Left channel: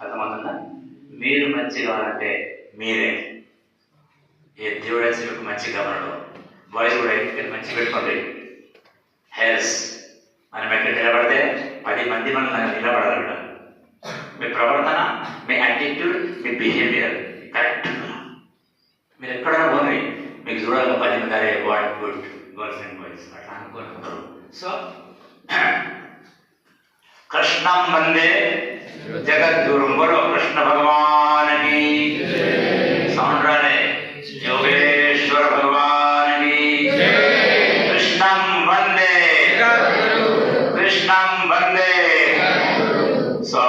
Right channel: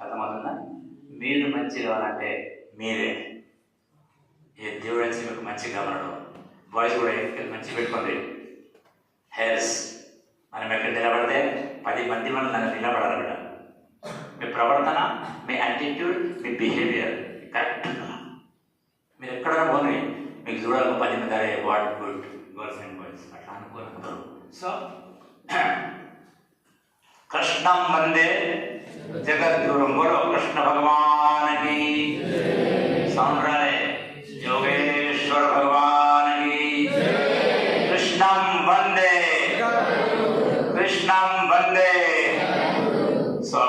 అర్థమవుతుందా? మీరు మంచి కావాలంటే మీరే. ఏ దేవుడు వచ్చి మీకు మంచి కావాలడు. బాయ్స్ కూడా ఇక్కడ మంచి పెట్టుకోండి. హెల్స్ మనం ఎక్కడ నిలబడితే 10 మంది మనం నిలబడాలన్నమాట. మీ ప్రవర్తన, మీ యాటిట్యూడ్, మీ బిహేవియర్ కరెక్ట్. మీరు ఎక్కడైనా పోనీ మీకు చూడాలి 10 మంది అరే what good girls and boys అట్లా అనుకుంటారు. సో కృష్ణం వందే జగద్గురుం. బోలో కృష్ణ భగవానికి సౌండ్ రాలే. యోగేశ్వర భగవానికి కృష్ణం వందే, కృష్ణం వందే. సో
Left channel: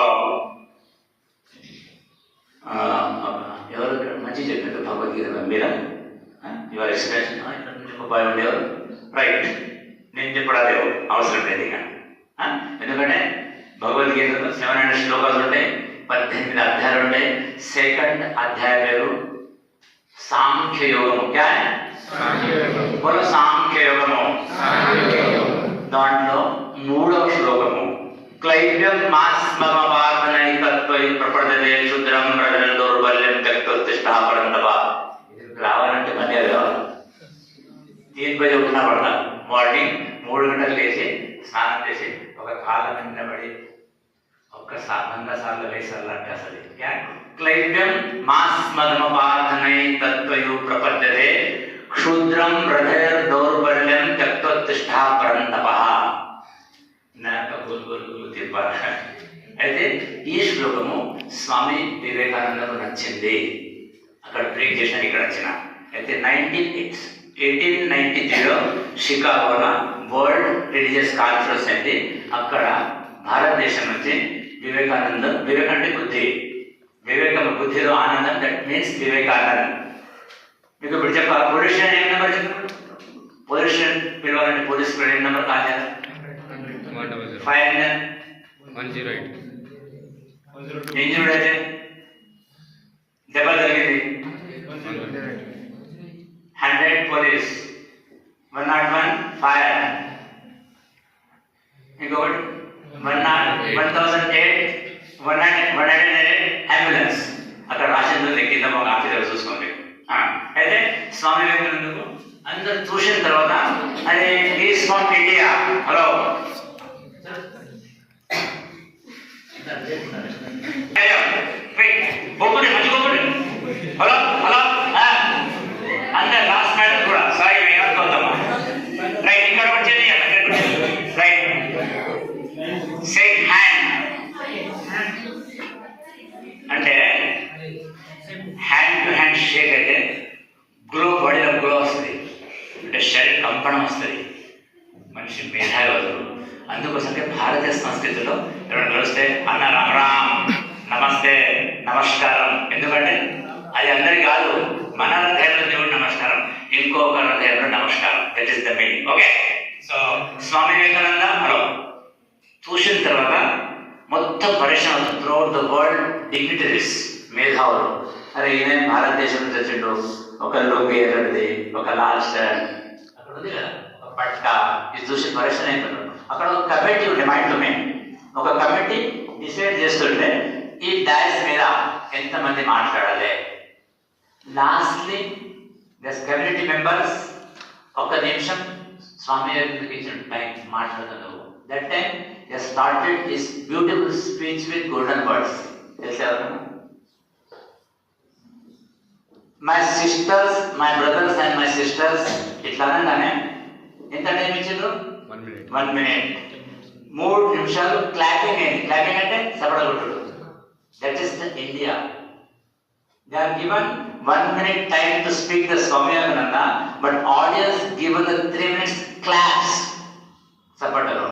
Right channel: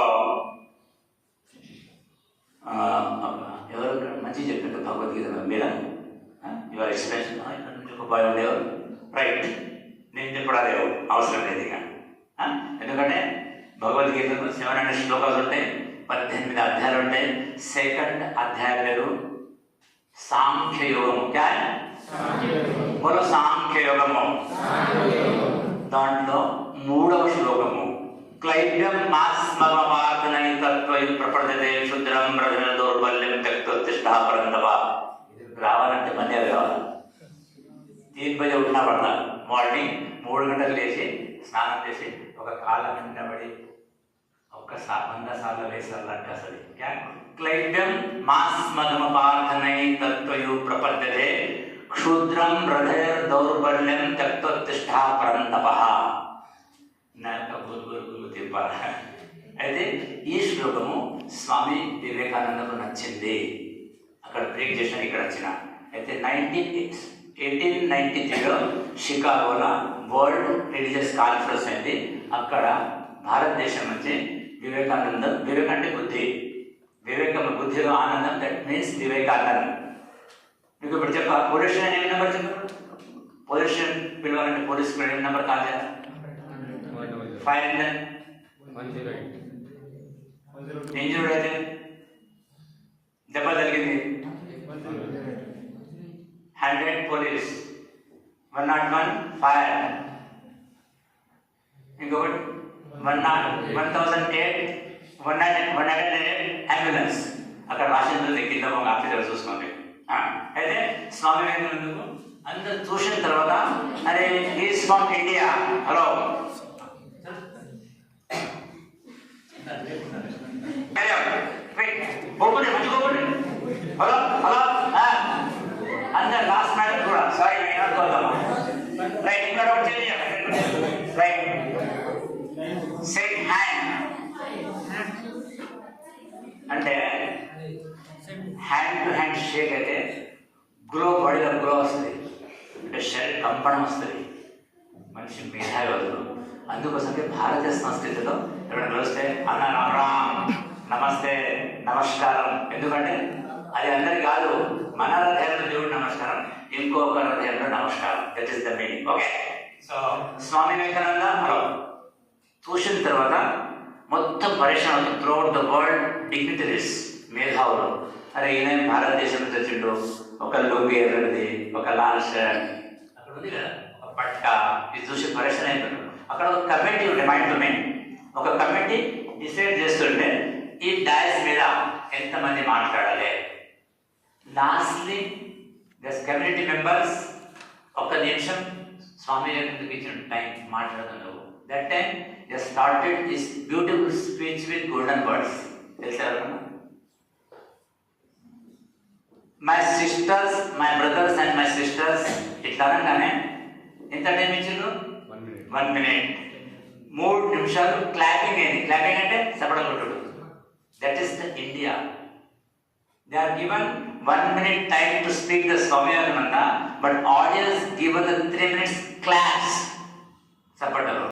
ఎవరు మంచి చెప్పారు భగవద్గీత మీరా? యువర్ ఎక్స్ప్రెషన్ ఇక్కడ నుంచి ఒక భయం ఉండేవారు. రైట్, నేను చెప్పడాలేవు అవసరం లేదు ఇక. ఎందుకంటే భగవద్గీతలో 700 శ్లోకాలు ఉంటాయి, 18 అధ్యాయాలు ఉంటాయి. సెకండ్ అధ్యాయ పేరు సాంఖ్యయోగము. క్యా బోలో సాంఖ్యయోగము. దాంట్లో 3వ శ్లోకము క్లైవ్యం మాస్మవాదనైకత్వై ప్రపంచదే క్షుద్రం ప్రజల దౌర్బల్యం త్యక్తోత్తిష్టః పరంతప. రావాలంటే మళ్ళీ అది రావాలి. 3 బజే ఉన్నా పడతా. మార్నింగ్ 3 గంటలు లేచి స్నానం చేసి ఒక కాళ్ళ నిండబడి ఒక్క 100 సార్లు వేసాలంటే అసలు క్లైవ్యం మాస్మగమపార్థనై తత్వయు ప్రపద్యతే క్షుద్రం హృదయ దౌర్బల్యం త్యక్తోత్తిష్టః పరంతపః. నాకు గురు తిప్పాలి. అయితే ఈ శ్లోకము స్వామి వివేకానందకు నచ్చింది. అక్కడ ప్రీచ్ చేసిన ఇక్కడ వచ్చిన. అయితే 1893లో షికాగోలో వరల్డ్ రిలీజియస్ కాన్ఫరెన్స్ అయింది. అక్కడ భారతదేశం నుంచి వివేక్ అంటే బుద్ధి, వివేకం బుద్ధిలో ఆనందం, దట్ మీన్స్ వివేకానందం. మీకు ఇప్పుడు చెప్పాలి పోలీస్ స్టేషన్ ఏం నెంబర్ చెప్పారు? పోలీస్ స్టేషన్ పిలవాలంటే పోలీస్ స్టేషన్ ఏం నెంబర్ కాల్ చేయాలి? 508. ఇంజూర్డ్ అయితే దెబ్బ జరిగింది 100 పోలీస్, 101 ఫైర్, ఇంకొకటి 1008 అంబులెన్స్. అక్కడ రాసిందో ఎక్కిద్దాం ఒక ఆఫీసర్ చూసుకోండి. అయితే స్వామి వివేకానందకు అందరు చూసిన తర్వాత అరే is from India. Hello hello hello అందరు లాస్ట్ మేడం కూడా సారీ ఏమనుకోద్దామా. రైట్, ఇక్కడ వచ్చేది రైట్. షేక్ హ్యాండ్ అంటే హ్యాండ్ టు హ్యాండ్ షేక్ అయితే గ్లో, బాడీలో గ్లో వస్తుంది, అంటే శరీర కంపనం వస్తుంది, మనిషి మేధాగలరు. అందుకోసంకే భారతీయ సంస్కృతిలో ఎవరైనా కలిస్తే అన్న రామ్ రామ్, నమస్తే, నమస్కారం. ఎందుకంటే అది అందరికి కాదు, మన హృదయంలో దేవుడు నమస్కారం, ఇంకొక హృదయంలో నమస్కారం. That is the meaning. Okay. So Swami Vivekananda హలో చూసిన తర్వాత మొత్తం పరిశ్రమ త్రూఅవుట్ ద వరల్డ్ డిగ్నిటరీస్, మేధావులు, అరే ఈయన భారతదేశం నుంచి వచ్చిండు, ఒక లుంగి ఎర్రది, ఒక లాల్ షర్ట్ అక్కడ ఉంది కదా, ఒక పట్ట, ఇది చూసి పరిశ్రమ అయిపోయినారు. అక్కడ ఒక కమిటీ ఉండే మైండ్లో ఒక కమిటీ డిసైడ్ చేస్తుంటే ఈ డాష్ మీద ఎంతమంది మాట్లాడాలి. లాస్ట్లీ దస్ కమ్యూనిటీ మెంబర్స్ 1 నిమిషం స్వామి ఇచ్చిన టైం మాట్లాడుతున్నారు. That time they started this beautiful speech with golden words. తెలిసే my sisters, my brothers and my sisters ఇట్లా అనగానే ఎంత టైం ఇచ్చిండ్రు? 1 minute. 3 నిమిషాలు క్లాపింగ్ అయింది. క్లాపింగ్ అంటే సపడ కొట్టుడు. That is the India. They are given 1 minute time to speak the Swami Vivekananda, but audience given the 3 minutes claps. Sapataru.